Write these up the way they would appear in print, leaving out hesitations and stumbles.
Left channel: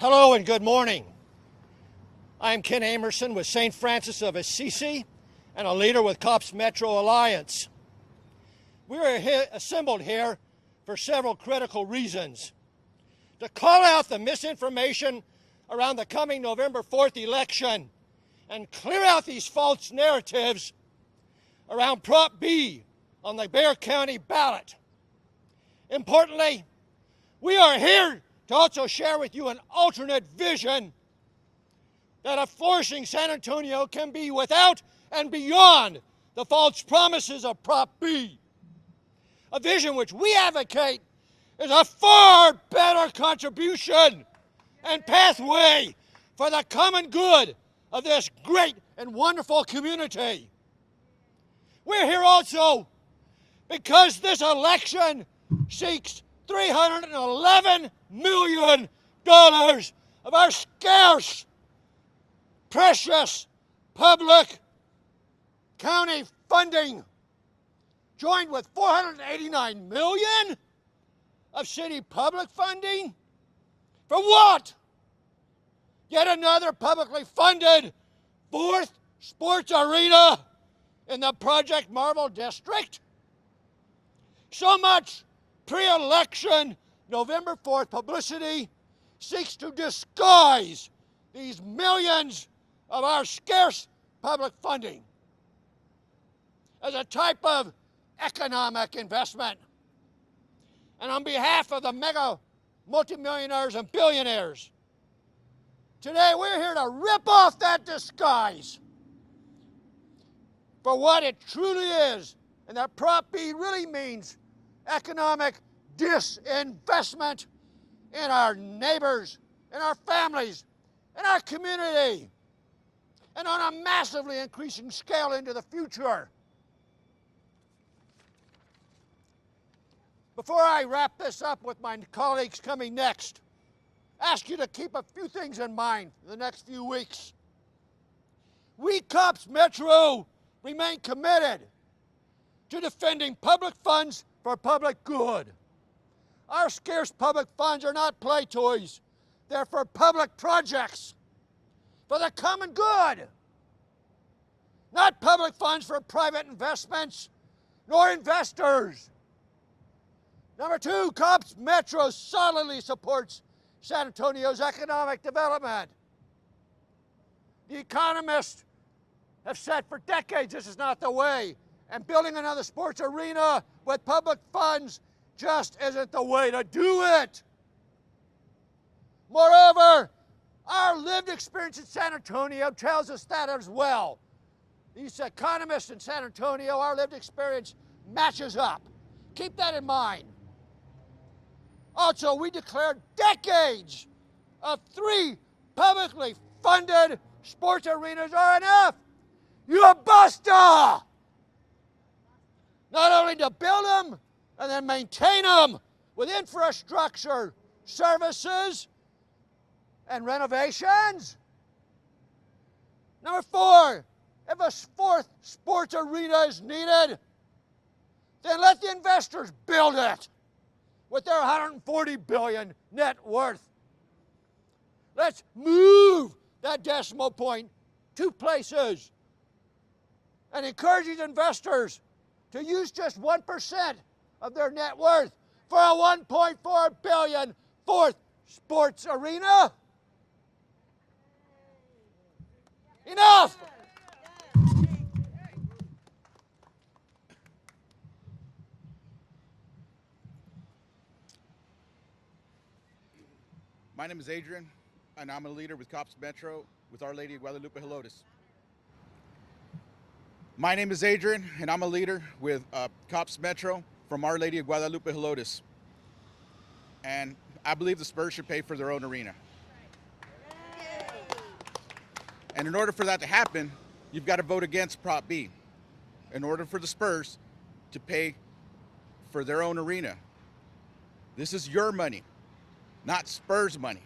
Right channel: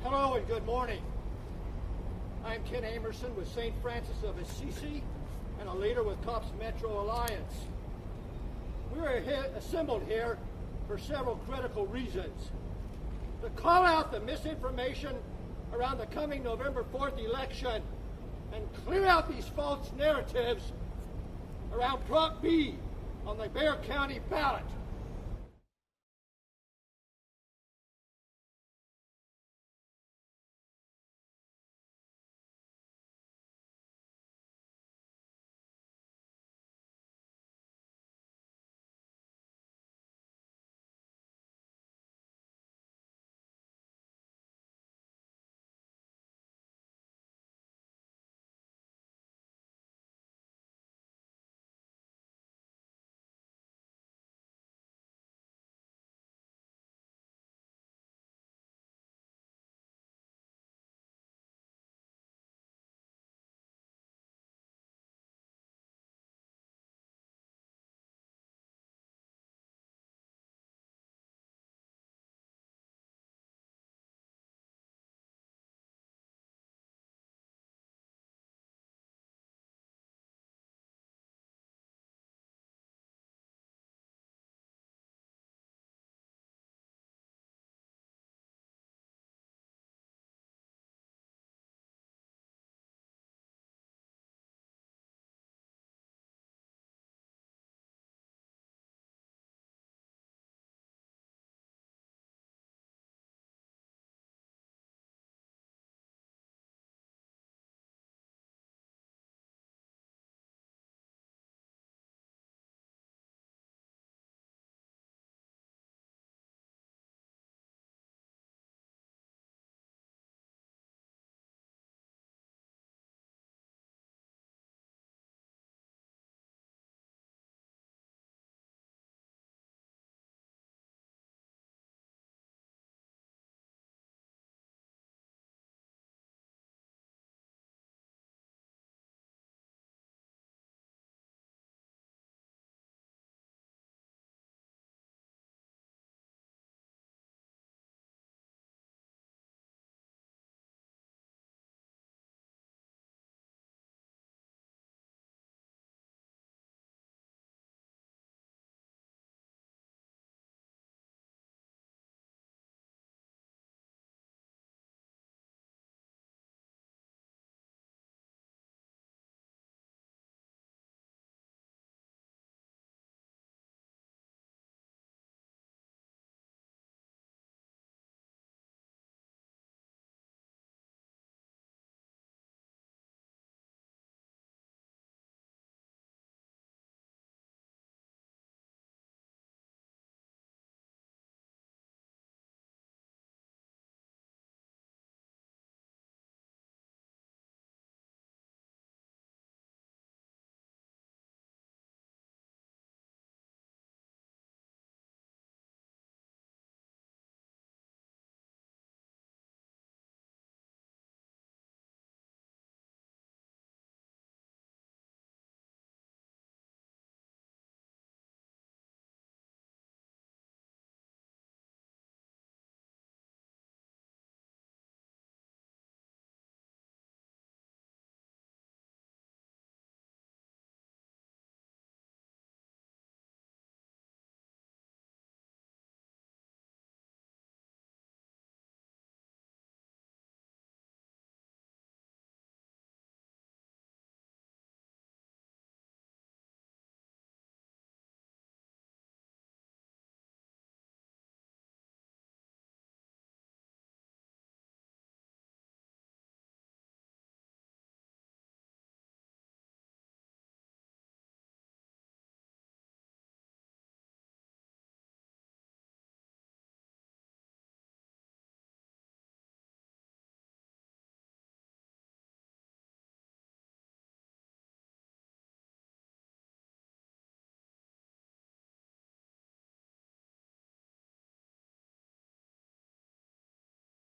Hello and good morning. I'm Ken Amerson with St. Francis of Assisi and a leader with COPS Metro Alliance. We are assembled here for several critical reasons. To call out the misinformation around the coming November 4th election and clear out these false narratives around Prop B on the Bexar County ballot. Importantly, we are here to also share with you an alternate vision that of flourishing San Antonio can be without and beyond the false promises of Prop B. A vision which we advocate is a far better contribution and pathway for the common good of this great and wonderful community. We're here also because this election seeks $311 million of our scarce, precious public county funding, joined with $489 million of city public funding. For what? Yet another publicly funded fourth sports arena in the Project Marvel district? So much pre-election November 4th publicity seeks to disguise these millions of our scarce public funding as a type of economic investment. And on behalf of the mega multimillionaires and billionaires, today we're here to rip off that disguise for what it truly is, and that Prop B really means economic disinvestment in our neighbors, in our families, in our community, and on a massively increasing scale into the future. Before I wrap this up with my colleagues coming next, ask you to keep a few things in mind in the next few weeks. We COPS Metro remain committed to defending public funds for public good. Our scarce public funds are not play toys. They're for public projects, for the common good. Not public funds for private investments, nor investors. Number two, COPS Metro solidly supports San Antonio's economic development. The economists have said for decades this is not the way, and building another sports arena with public funds just isn't the way to do it. Moreover, our lived experience in San Antonio tells us that as well. These economists in San Antonio, our lived experience matches up. Keep that in mind. Also, we declared decades of 3 publicly funded sports arenas are enough. You basta! Not only to build them and then maintain them with infrastructure, services, and renovations. Number 4, if a 4th sports arena is needed, then let the investors build it with their $140 billion net worth. Let's move that decimal point 2 places and encourage these investors to use just 1% of their net worth for a $1.4 billion 4th sports arena. Enough! My name is Adrian, and I'm a leader with COPS Metro with Our Lady of Guadalupe Helotes. My name is Adrian, and I'm a leader with COPS Metro from Our Lady of Guadalupe Helotes. And I believe the Spurs should pay for their own arena. And in order for that to happen, you've got to vote against Prop B in order for the Spurs to pay for their own arena. This is your money, not Spurs money.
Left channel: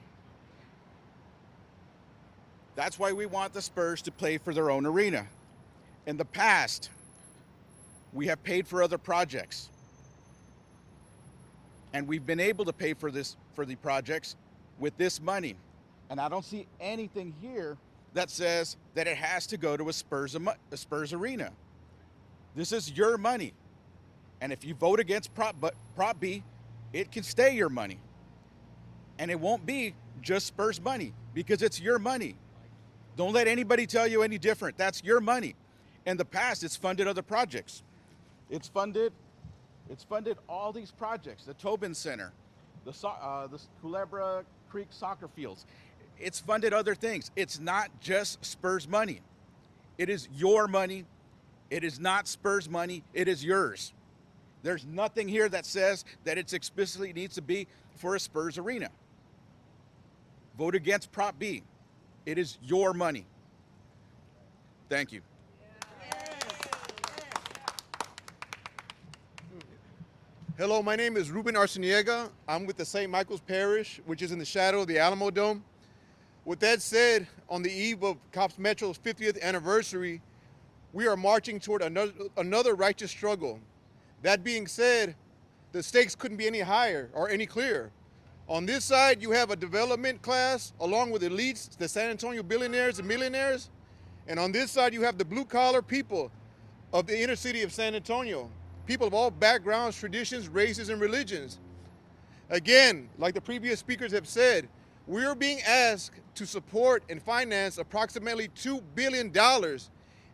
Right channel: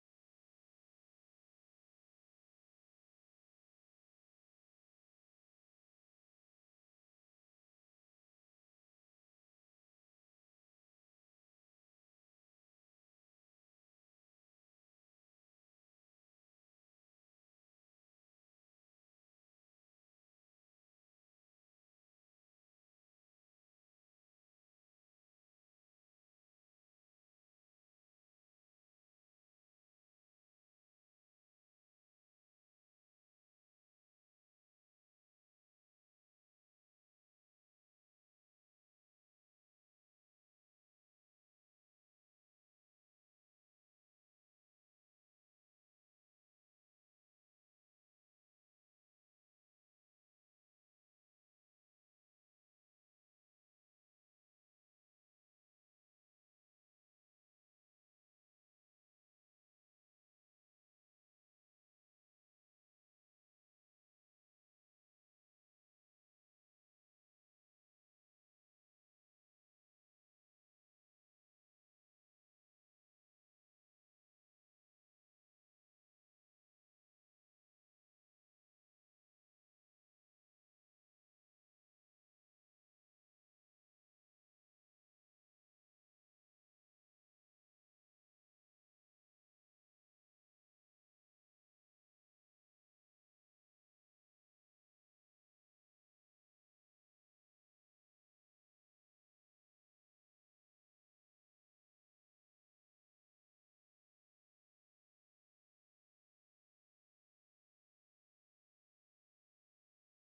That's why we want the Spurs to pay for their own arena. In the past, we have paid for other projects. And we've been able to pay for the projects with this money. And I don't see anything here that says that it has to go to a Spurs arena. This is your money. And if you vote against Prop B, it can stay your money. And it won't be just Spurs money because it's your money. Don't let anybody tell you any different. That's your money. In the past, it's funded other projects. It's funded all these projects, the Tobin Center, the Culebra Creek soccer fields. It's funded other things. It's not just Spurs money. It is your money. It is not Spurs money. It is yours. There's nothing here that says that it explicitly needs to be for a Spurs arena. Vote against Prop B. It is your money. Thank you. Hello, my name is Ruben Arciniega. I'm with the St. Michael's Parish, which is in the shadow of the Alamo Dome. With that said, on the eve of Cops Metro's 50th anniversary, we are marching toward another righteous struggle. That being said, the stakes couldn't be any higher or any clearer. On this side, you have a development class along with elites, the San Antonio billionaires and millionaires. And on this side, you have the blue-collar people of the inner city of San Antonio, people of all backgrounds, traditions, races, and religions. Again, like the previous speakers have said, we're being asked to support and finance approximately $2 billion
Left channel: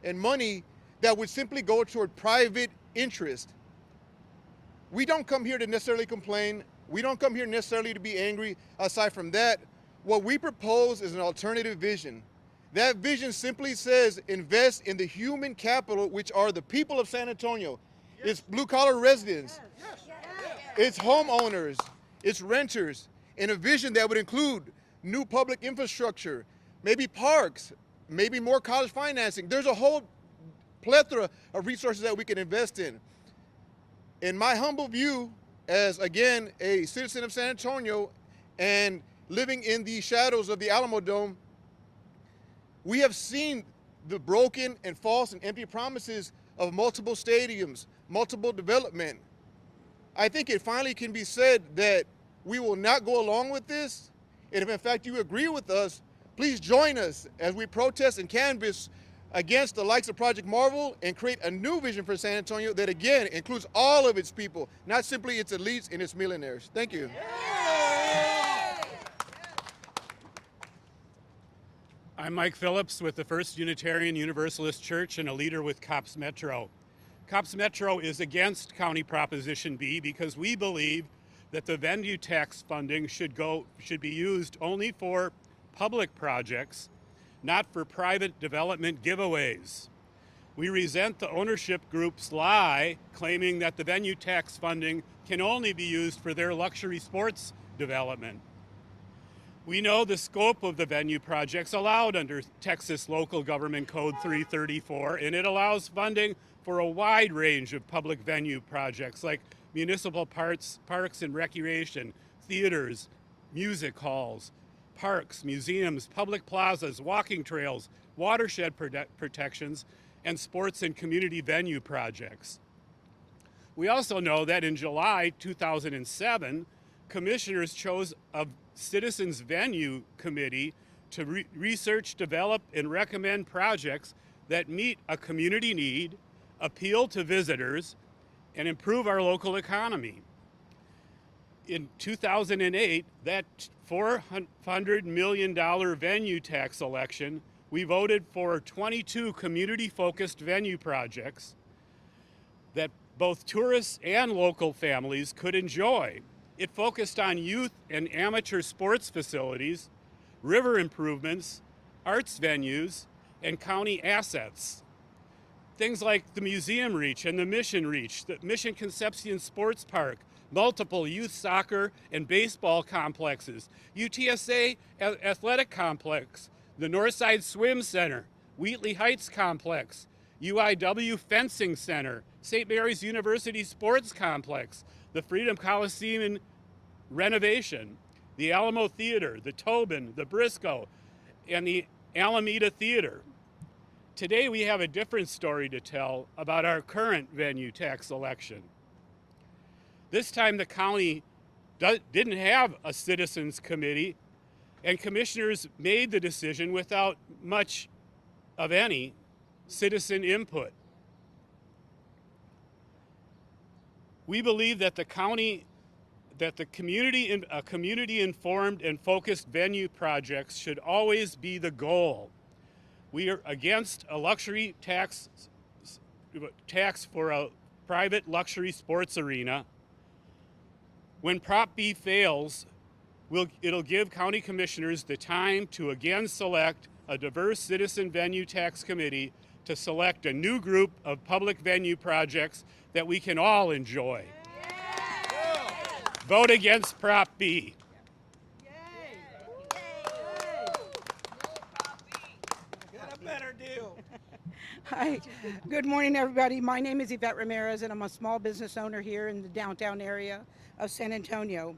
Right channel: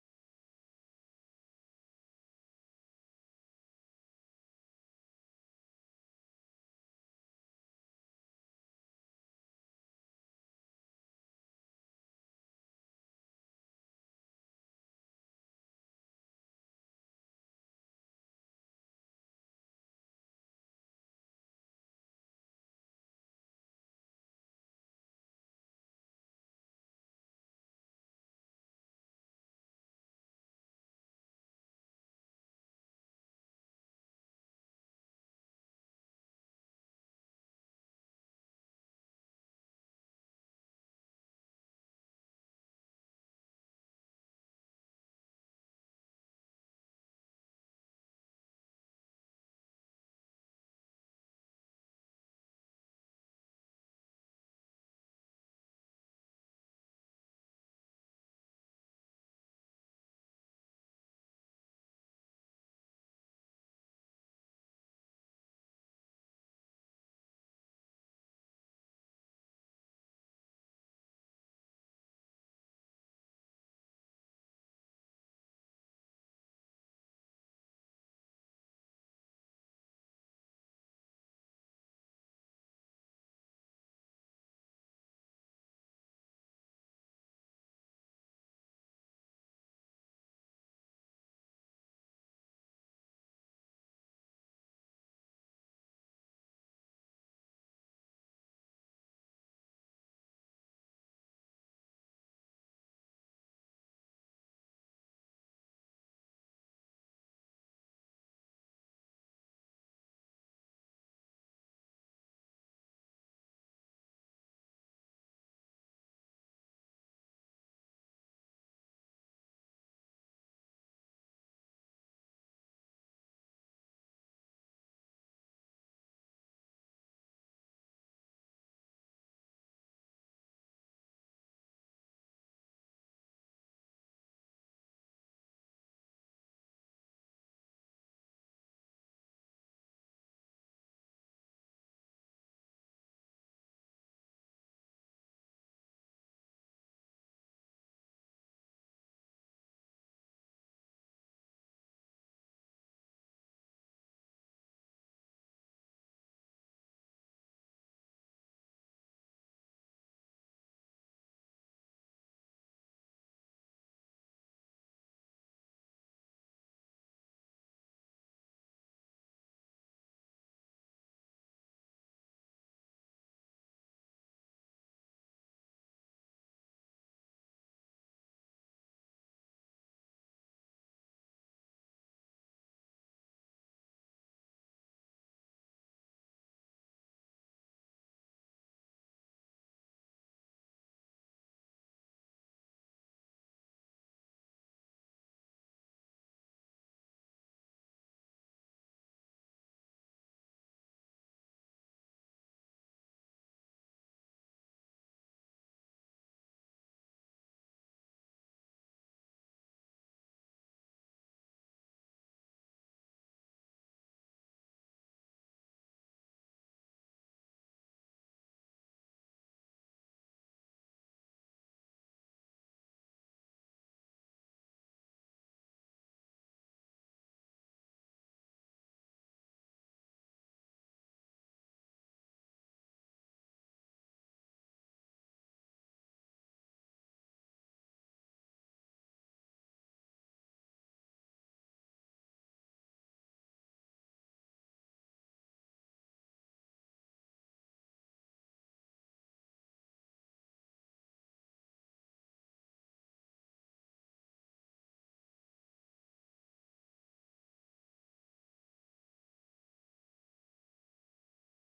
in money that would simply go toward private interest. We don't come here to necessarily complain. We don't come here necessarily to be angry. Aside from that, what we propose is an alternative vision. That vision simply says invest in the human capital, which are the people of San Antonio. Yes. It's blue-collar residents. Yes. Yes. It's homeowners. It's renters. In a vision that would include new public infrastructure, maybe parks, maybe more college financing. There's a whole plethora of resources that we can invest in. In my humble view, as again a citizen of San Antonio and living in the shadows of the Alamo Dome, we have seen the broken and false and empty promises of multiple stadiums, multiple development. I think it finally can be said that we will not go along with this. And if in fact you agree with us, please join us as we protest and canvass against the likes of Project Marvel and create a new vision for San Antonio that again includes all of its people, not simply its elites and its millionaires. Thank you. I'm Mike Phillips with the First Unitarian Universalist Church and a leader with Cops Metro. Cops Metro is against County Proposition B because we believe that the venue tax funding should be used only for public projects, not for private development giveaways. We resent the ownership group's lie claiming that the venue tax funding can only be used for their luxury sports development. We know the scope of the venue projects allowed under Texas Local Government Code 334, and it allows funding for a wide range of public venue projects like municipal parks and recreation, theaters, music halls, parks, museums, public plazas, walking trails, watershed protections, and sports and community venue projects. We also know that in July 2007, commissioners chose a Citizens Venue Committee to research, develop, and recommend projects that meet a community need, appeal to visitors, and improve our local economy. In 2008, that $400 million venue tax election, we voted for 22 community-focused venue projects that both tourists and local families could enjoy. It focused on youth and amateur sports facilities, river improvements, arts venues, and county assets. Things like the Museum Reach and the Mission Reach, the Mission Concepcion Sports Park, multiple youth soccer and baseball complexes, UTSA Athletic Complex, the Northside Swim Center, Wheatley Heights Complex, UIW Fencing Center, St. Mary's University Sports Complex, the Freedom Coliseum renovation, the Alamo Theater, the Tobin, the Briscoe, and the Alameda Theater. Today we have a different story to tell about our current venue tax election. This time the county didn't have a citizens committee And commissioners made the decision without much of any citizen input. We believe that the community-informed and focused venue projects should always be the goal. We are against a luxury tax for a private luxury sports arena. When Prop B fails, it'll give county commissioners the time to again select a diverse citizen venue tax committee to select a new group of public venue projects that we can all enjoy. Vote against Prop B. Hi, good morning, everybody. My name is Yvette Ramirez, and I'm a small business owner here in the downtown area of San Antonio.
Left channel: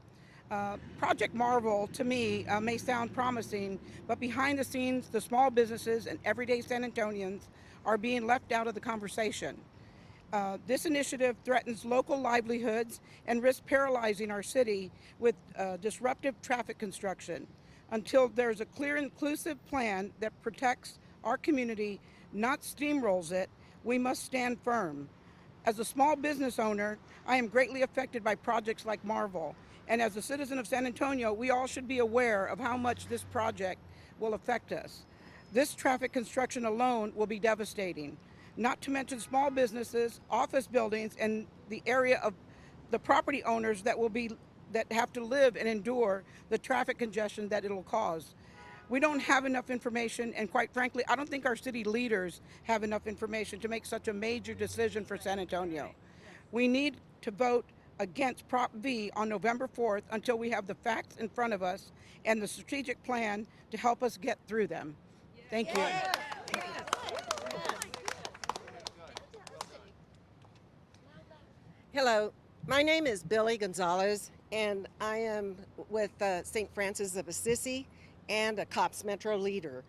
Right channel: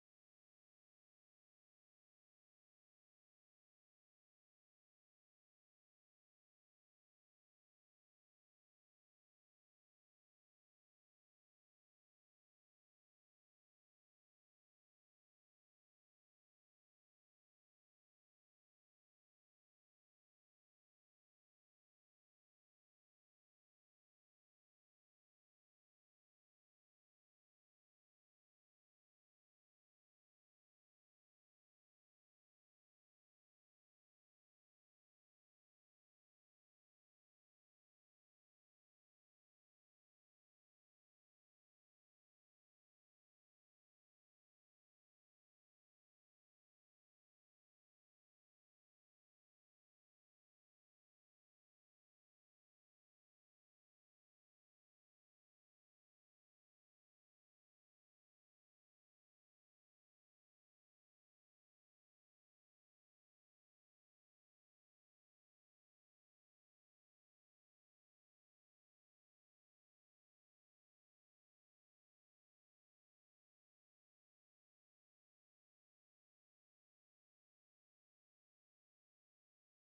Project Marvel, to me, may sound promising, but behind the scenes, the small businesses and everyday San Antonians are being left out of the conversation. This initiative threatens local livelihoods and risks paralyzing our city with disruptive traffic construction. Until there's a clear, inclusive plan that protects our community, not steamrolls it, we must stand firm. As a small business owner, I am greatly affected by projects like Marvel. And as a citizen of San Antonio, we all should be aware of how much this project will affect us. This traffic construction alone will be devastating. Not to mention small businesses, office buildings, and the area of the property owners that have to live and endure the traffic congestion that it'll cause. We don't have enough information, and quite frankly, I don't think our city leaders have enough information to make such a major decision for San Antonio. We need to vote against Prop V on November 4th until we have the facts in front of us and the strategic plan to help us get through them. Thank you. Hello, my name is Billy Gonzalez, and I am with St. Francis of Assisi and a COPS Metro leader.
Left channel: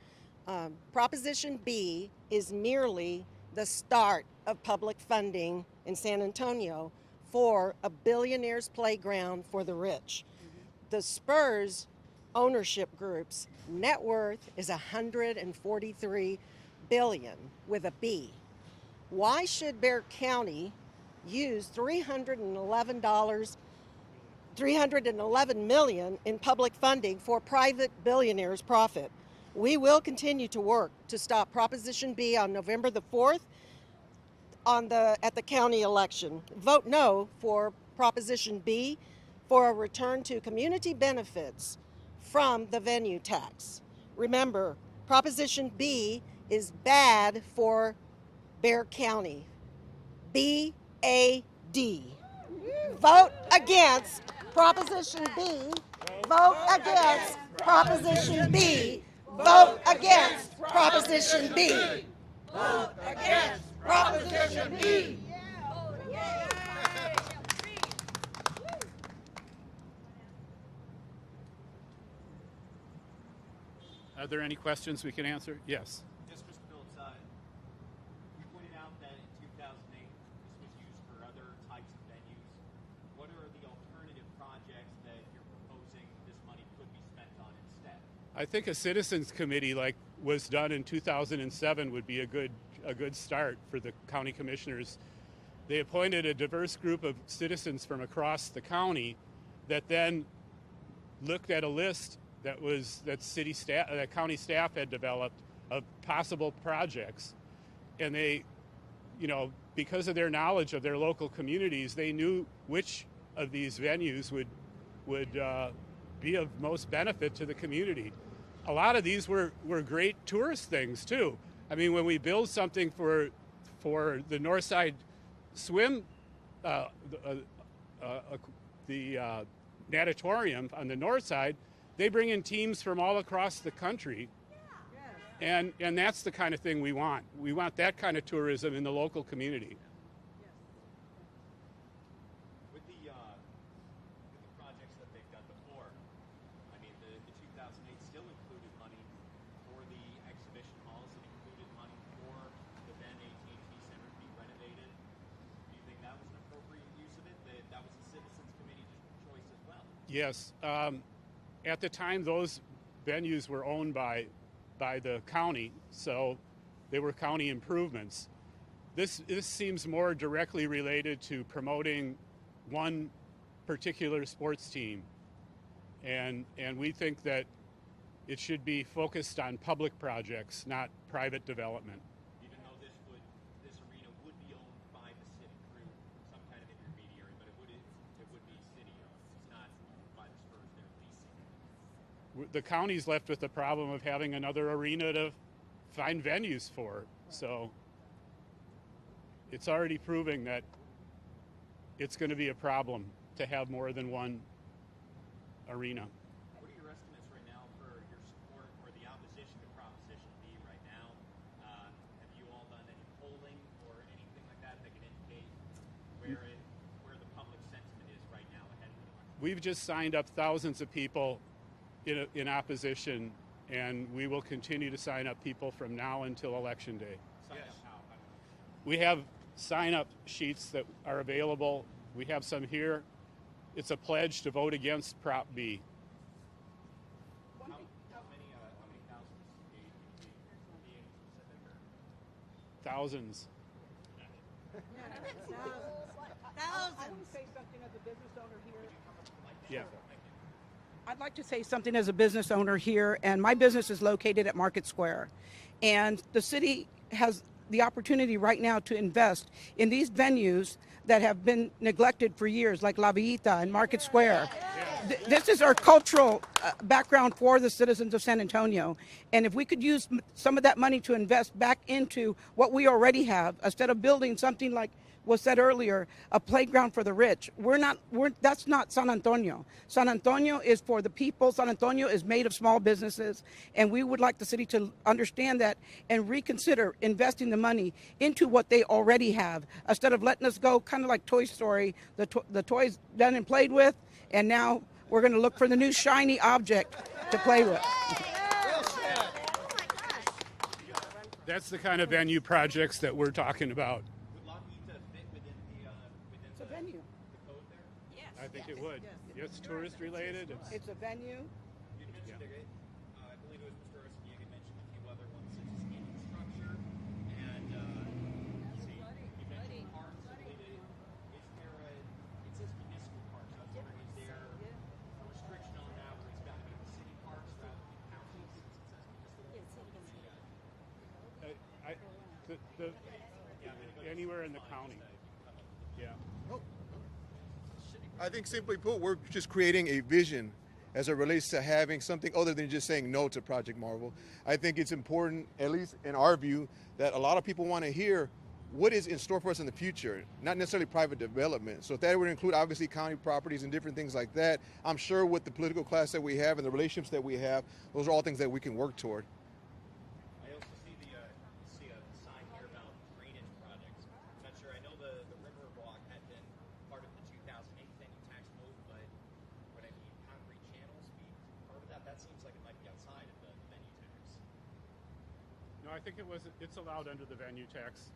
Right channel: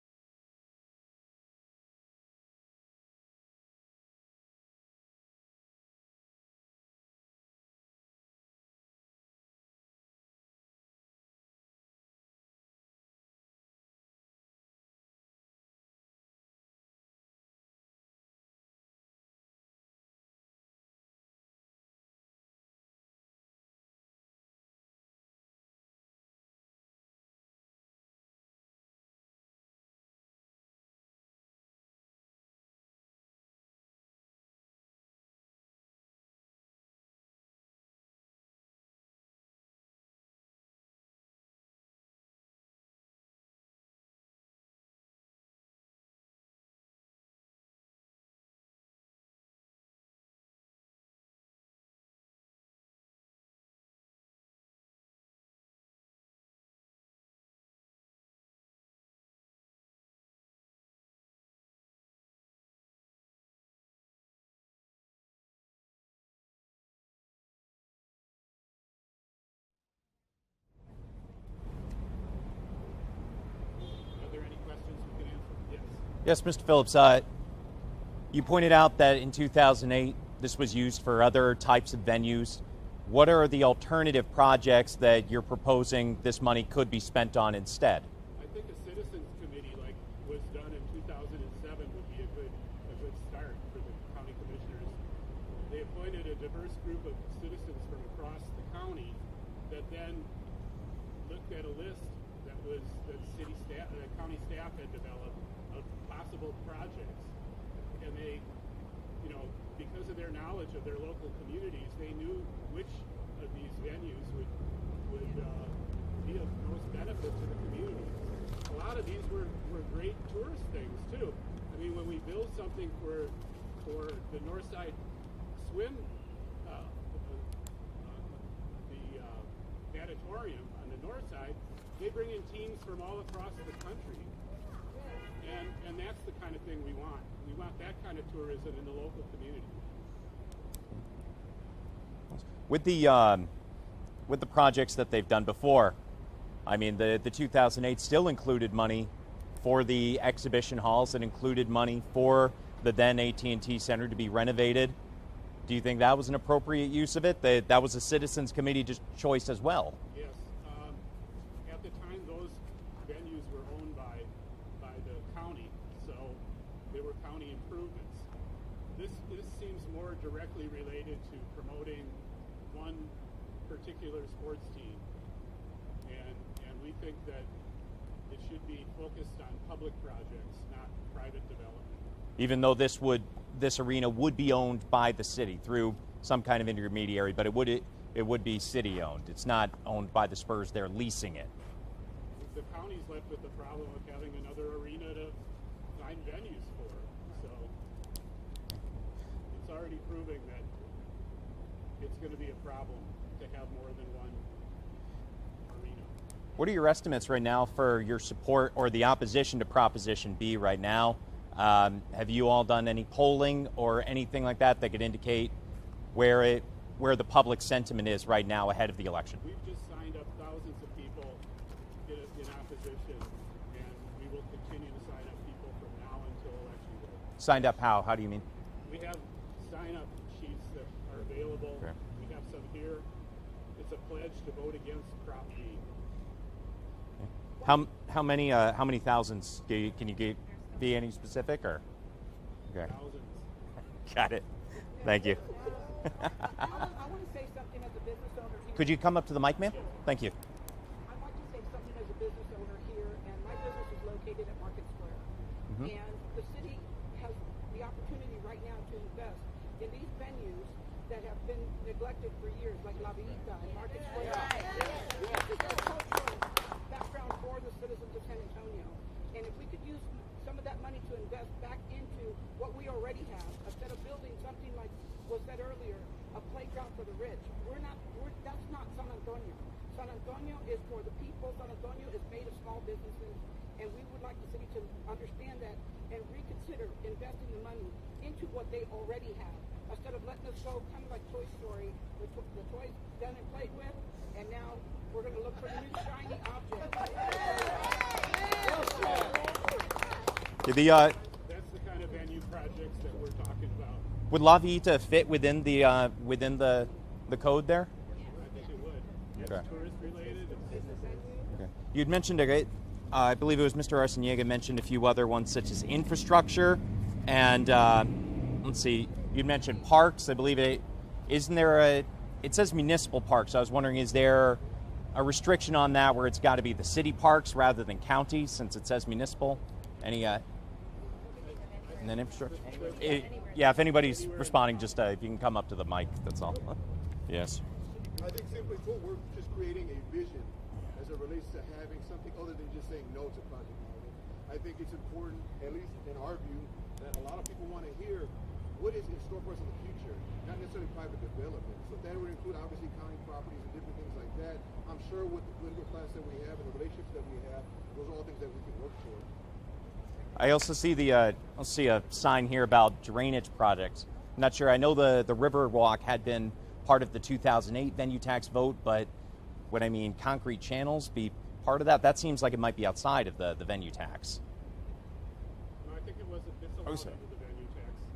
Proposition B is merely the start of public funding in San Antonio for a billionaire's playground for the rich. The Spurs ownership group's net worth is $143 billion with a B. Why should Bexar County use $311 million in public funding for private billionaires' profit? We will continue to work to stop Proposition B on November the 4th at the county election. Vote no for Proposition B for a return to community benefits from the venue tax. Remember, Proposition B is bad for Bexar County. B-A-D. Vote against Proposition B. Vote against Proposition B. Vote against Proposition B. Vote against Proposition B. Are there any questions we can answer? Yes. Yes, Mr. Phillips. You pointed out that in 2008, this was used for other types of venues. What are the alternative projects that you're proposing this money could be spent on instead? I think a citizens committee like was done in 2007 would be a good start for the county commissioners. They appointed a diverse group of citizens from across the county that then looked at a list that county staff had developed of possible projects, and they, because of their knowledge of their local communities, they knew which of these venues would be of most benefit to the community. A lot of these were great tourist things too. I mean, when we build something for the Northside Swim, the natatorium on the north side, they bring in teams from all across the country. And that's the kind of thing we want. We want that kind of tourism in the local community. With the projects that they've done before, I mean, the 2008 still included money for the exhibition halls. It included money for the then AT&T Center to be renovated. Do you think that was an appropriate use of it? That was a citizens committee choice as well. Yes. At the time, those venues were owned by the county, so they were county improvements. This seems more directly related to promoting one particular sports team, and we think that it should be focused on public projects, not private development. Even though this arena would be owned by the city through some kind of intermediary, but it would be city owned. It's not owned by the Spurs. They're leasing it. The county's left with the problem of having another arena to find venues for. So it's already proving that it's going to be a problem to have more than one arena. What are your estimates right now for your support or the opposition to Proposition B right now? Have you all done any polling or anything like that that could indicate where the public sentiment is right now ahead of the election? We've just signed up thousands of people in opposition, and we will continue to sign up people from now until Election Day. Signed up how? How do you mean? We have sign-up sheets that are available. Okay. We have some here. It's a pledge to vote against Prop B. How many thousands can you be any specific or? Okay. Thousands. Got it. Thank you. I want to say something as a business owner here. Could you come up to the mic, ma'am? Yeah. Thank you. I'd like to say something as a business owner here, and my business is located at Market Square. And the city has the opportunity right now to invest in these venues that have been neglected for years, like La Villita and Market Square. This is our cultural background for the citizens of San Antonio. And if we could use some of that money to invest back into what we already have, instead of building something like was said earlier, a playground for the rich. That's not San Antonio. San Antonio is for the people. San Antonio is made of small businesses, and we would like the city to understand that and reconsider investing the money into what they already have, instead of letting us go kind of like Toy Story, the toys done and played with, and now we're going to look for the new shiny object to play with. That's the kind of venue projects that we're talking about. Would La Villita fit within the code there? I think it would. It's tourist related. It's a venue. Okay. You'd mentioned I believe it was Mr. Arciniega mentioned a few other ones such as infrastructure, and let's see, you mentioned parks. I believe it says municipal parks. I was wondering, is there a restriction on that where it's got to be the city parks rather than county, since it says municipal? Any and then infrastructure. Yeah, if anybody's responding, just if you can come up to the mic, that's all. Yes. I think simply put, we're just creating a vision as it relates to having something other than just saying no to Project Marvel. I think it's important, at least in our view, that a lot of people want to hear what is in store for us in the future, not necessarily private development. So if that would include obviously county properties and different things like that, I'm sure with the political class that we have and the relationships that we have, those are all things that we can work toward. I also see a sign here about drainage projects. I'm not sure. I know the Riverwalk had been part of the 2008 venue tax vote, but what I mean, concrete channels be part of that? That seems like it might be outside of the venue tax. No, I think it's allowed under the venue tax.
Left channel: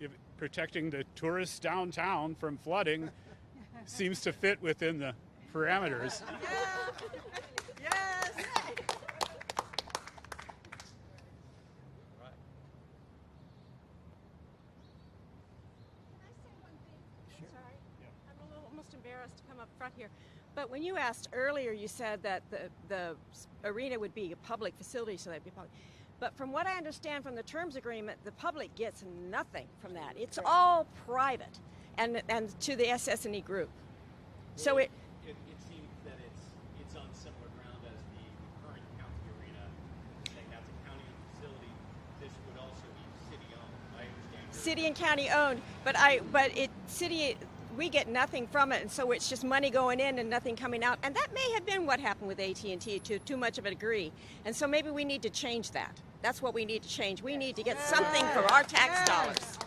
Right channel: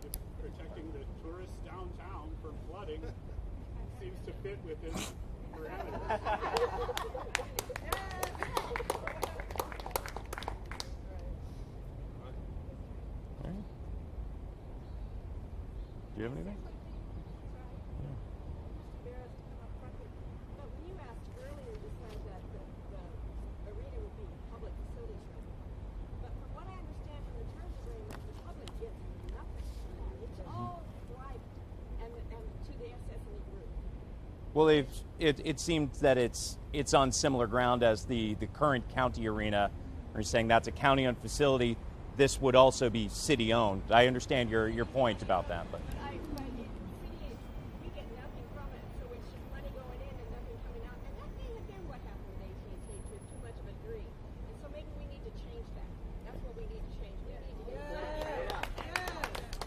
If protecting the tourists downtown from flooding seems to fit within the parameters. Do you have anything? I'm almost embarrassed to come up front here. But when you asked earlier, you said that the arena would be a public facility, so that'd be public. But from what I understand from the terms agreement, the public gets nothing from that. It's all private, and to the SS&E group. Well, so it seems that it's on similar ground as the current county arena. Are you saying that's a county-owned facility? This would also be city-owned. I understand your city point and county about owned, that. city, we get nothing from it, and so it's just money going in and nothing coming out. And that may have been what happened with AT&T to too much of a degree. And so maybe we need to change that. That's what we need to change. We need to get something for our tax dollars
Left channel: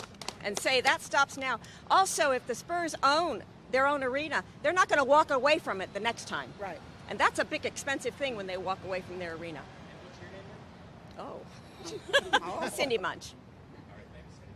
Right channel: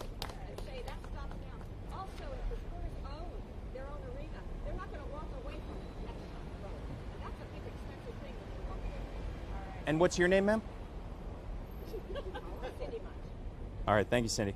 and say that stops now. Also, if the Spurs own their own arena, they're not going to walk away from it the next time. Right. And that's a big expensive thing when they walk away from their arena. And what's your name, ma'am? Oh. Cindy Munch. All right, thank you, Cindy.